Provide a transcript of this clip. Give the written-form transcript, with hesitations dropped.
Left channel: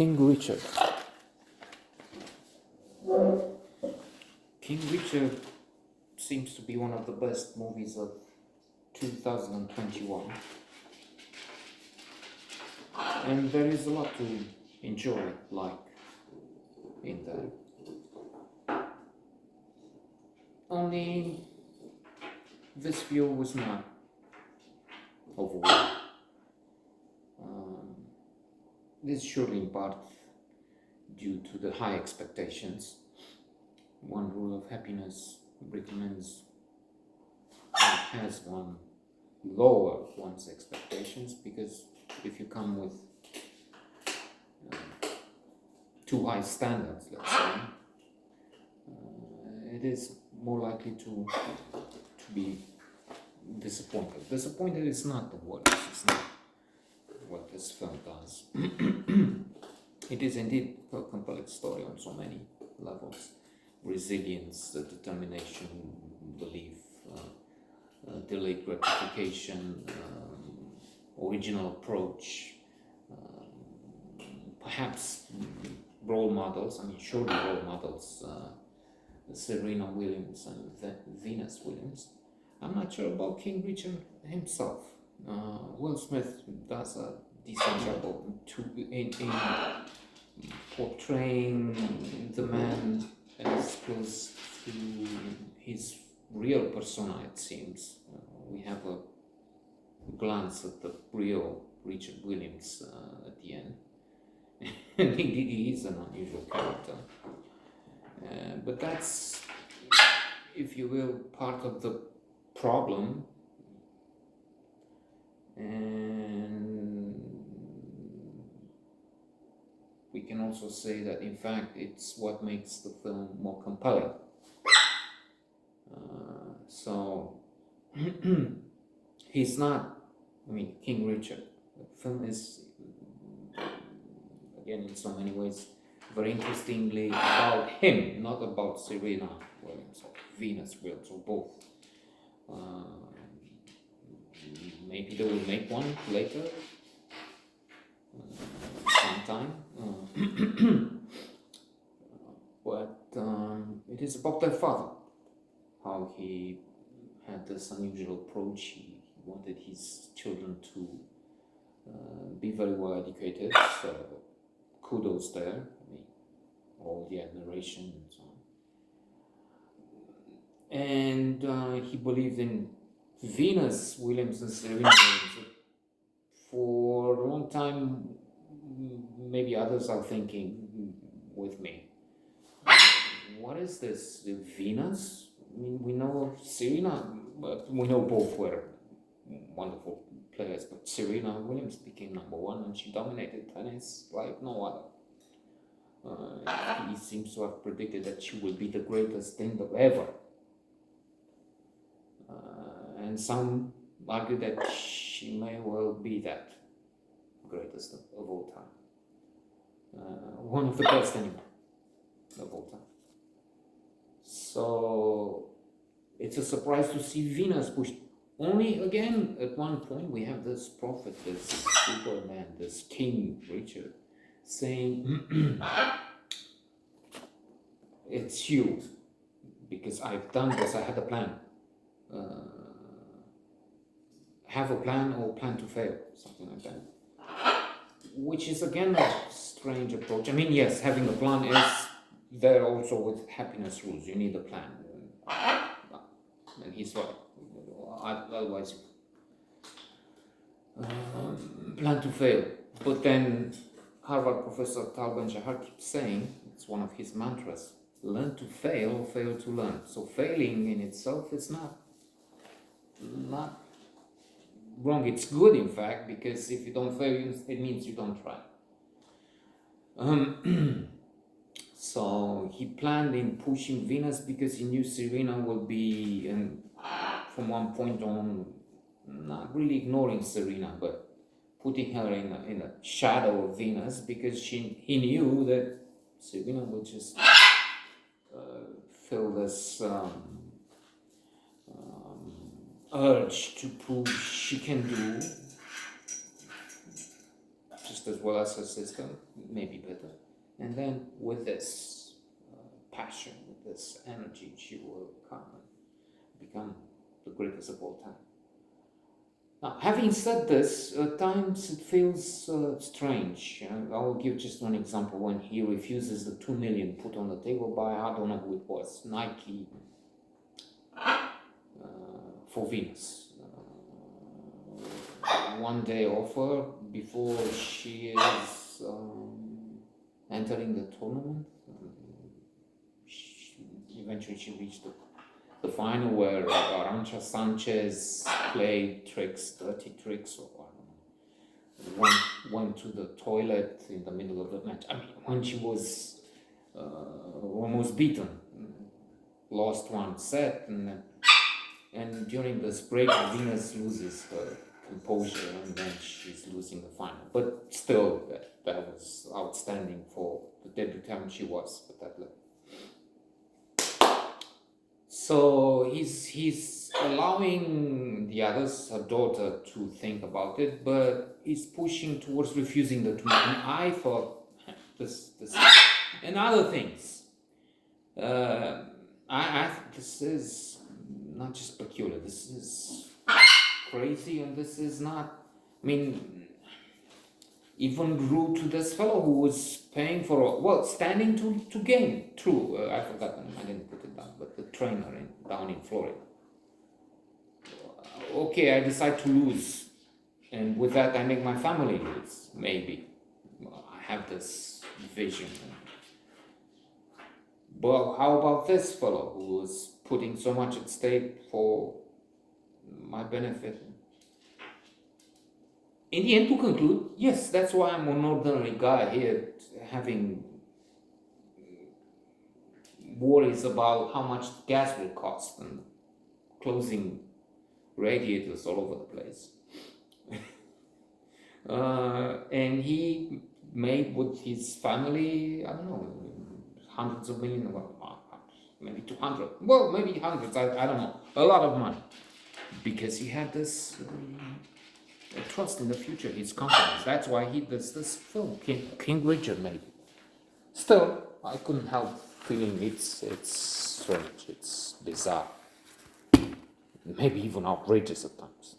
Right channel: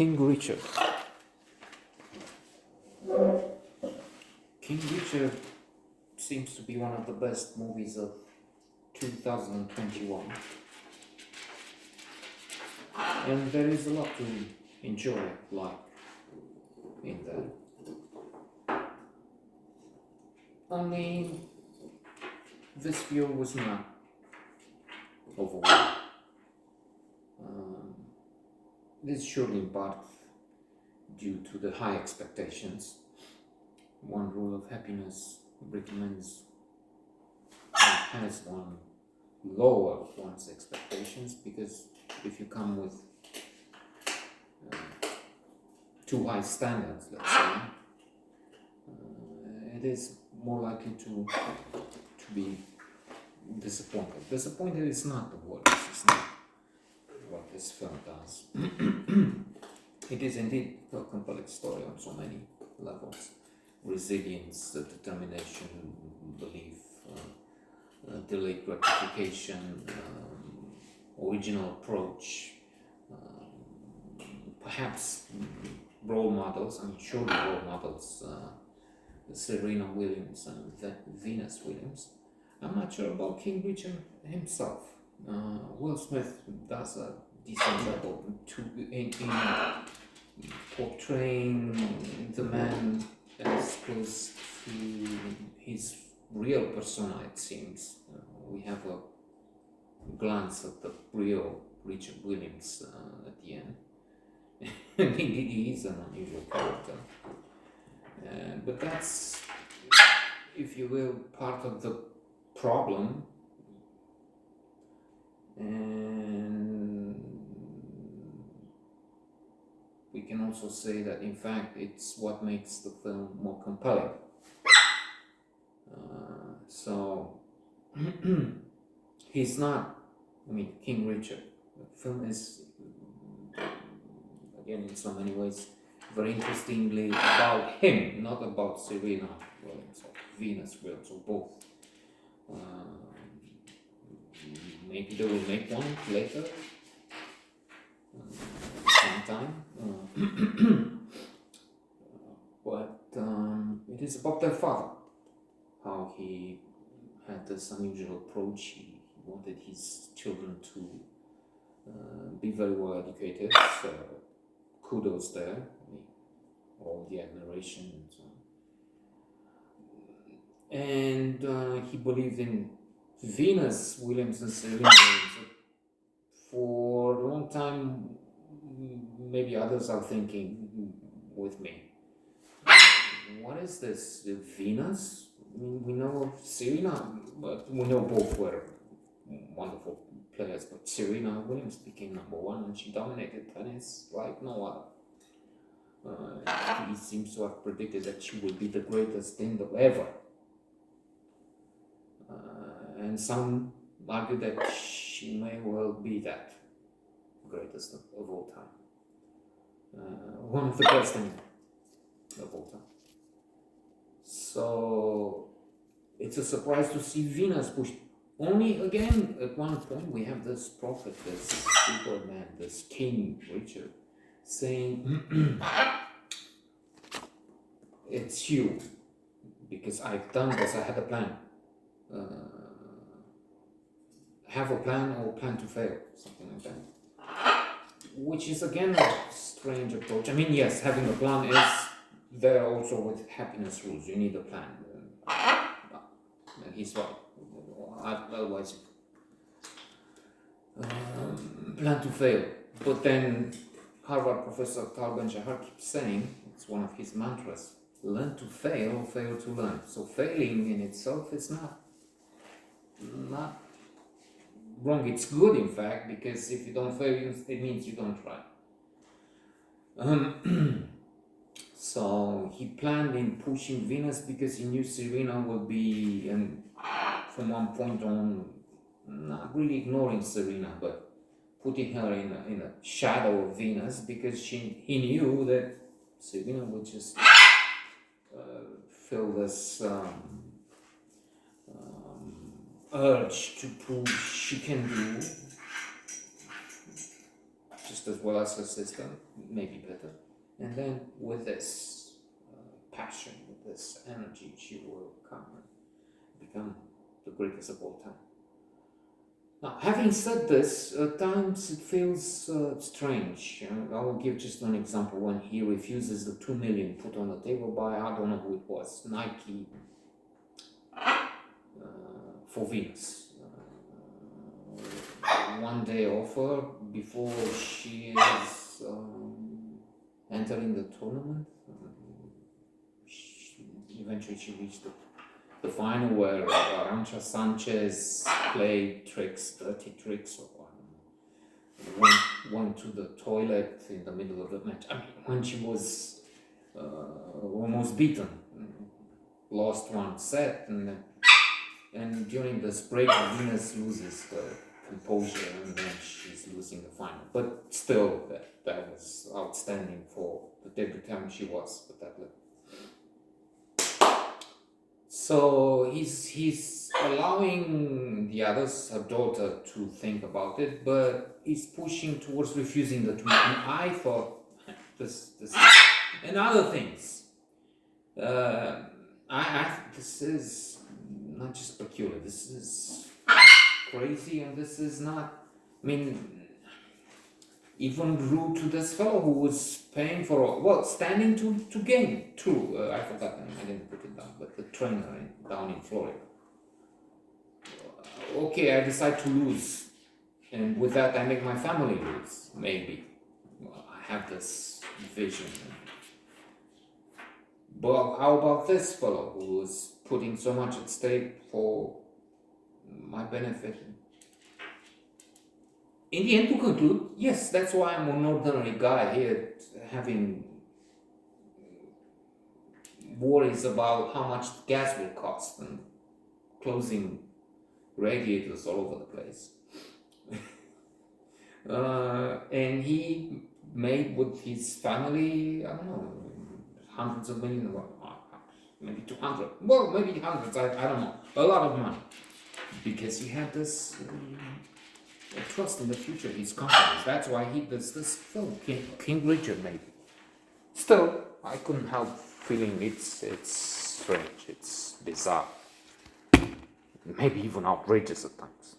King Richard. King Richard seems to be one of the best movies of 2021. And there is a lot to enjoy, like, in there. Only this view was not overall. This is surely in part due to the high expectations. One Rule of Happiness recommends and has one lower one's expectations, because if you come with too high standards, let's say, it is more likely to be disappointed. Disappointed is not the word. It's not what this film does. It is indeed a compelling story on so many levels: resilience, determination, belief, delayed gratification, original approach, perhaps role models. I mean, surely role models. Serena Williams and Venus Williams. I'm not sure about King Richard himself. Will Smith does a decent job in portraying the man as close to his real persona, it seems. We have a glance at the real Richard Williams at the end. And indeed, he is an unusual character. But that's, if you will, part of the problem. And we can also say that, in fact, it's what makes the film more compelling. So, he's not, King Richard. The film is, again, in so many ways, very interestingly about him, not about Serena Williams or Venus Williams, or both. Maybe they will make one later, sometime. But it is about their father, how he had this unusual approach. He wanted his children to be very well educated. So kudos there. All the admiration and so on. And he believed in Venus Williams and Serena Williams. For a long time, maybe others are thinking with me, what is this, Venus? We know of Serena, but we know both were wonderful players, but Serena Williams became number one and she dominated tennis like no other. He seems to have predicted that she will be the greatest thing ever. And some argue that she may well be that greatest of all time. One of the best of all time. So it's a surprise to see Venus pushed. Only again, at one point, we have this prophet, this Superman, this King Richard, saying, it's you, because I've done this, I had a plan. Have a plan or plan to fail, something like that. Which is again a strange approach. Yes, having a plan is there also with happiness rules. You need a plan. And he's right. Otherwise, plan to fail. But then Harvard professor Tal Ben-Shahar keeps saying, it's one of his mantras, learn to fail, fail to learn. So failing in itself is not wrong. It's good, in fact, because if you don't fail, it means you don't try. So he planned in pushing Venus because he knew Serena would be, and from one point on, not really ignoring Serena, but putting her in a shadow of Venus, because he knew that Serena would just feel this urge to prove she can do just as well as her sister, maybe better. And then with this passion, with this energy, she will come and become the greatest of all time. Now, having said this, at times it feels strange. I will give just one example. When he refuses the 2 million put on the table by, I don't know who it was, Nike, for Venus. One day offer before she is entering the tournament. Eventually she reached the final where Arantxa Sanchez played tricks, dirty tricks, or went to the toilet in the middle of the match. I mean, when she was almost beaten, lost one set, and during this break, Venus loses her composure, and then she's losing the final. But still, that was outstanding for the debutante she was at that level. So he's allowing the others, her daughter, to think about it, but he's pushing towards refusing the treatment. I thought this and other things. This is not just peculiar. This is crazy, and this is not. I mean, even rude to this fellow who was paying for standing to game. True, I forgot them. I didn't put it down, but the trainer down in Florida. Okay, I decide to lose, and with that I make my family lose. Maybe I have this vision. But how about this fellow who was putting so much at stake for my benefit? In the end, to conclude, yes, that's why I'm an ordinary guy here, having worries about how much gas will cost and closing radiators all over the place. And he made with his family, I don't know, hundreds of millions, maybe 200, well, maybe hundreds, I don't know, a lot of money, because he had this trust in the future, his confidence. That's why he does this film, King Richard, maybe. Still, I couldn't help feeling it's strange, it's bizarre, maybe even outrageous at times.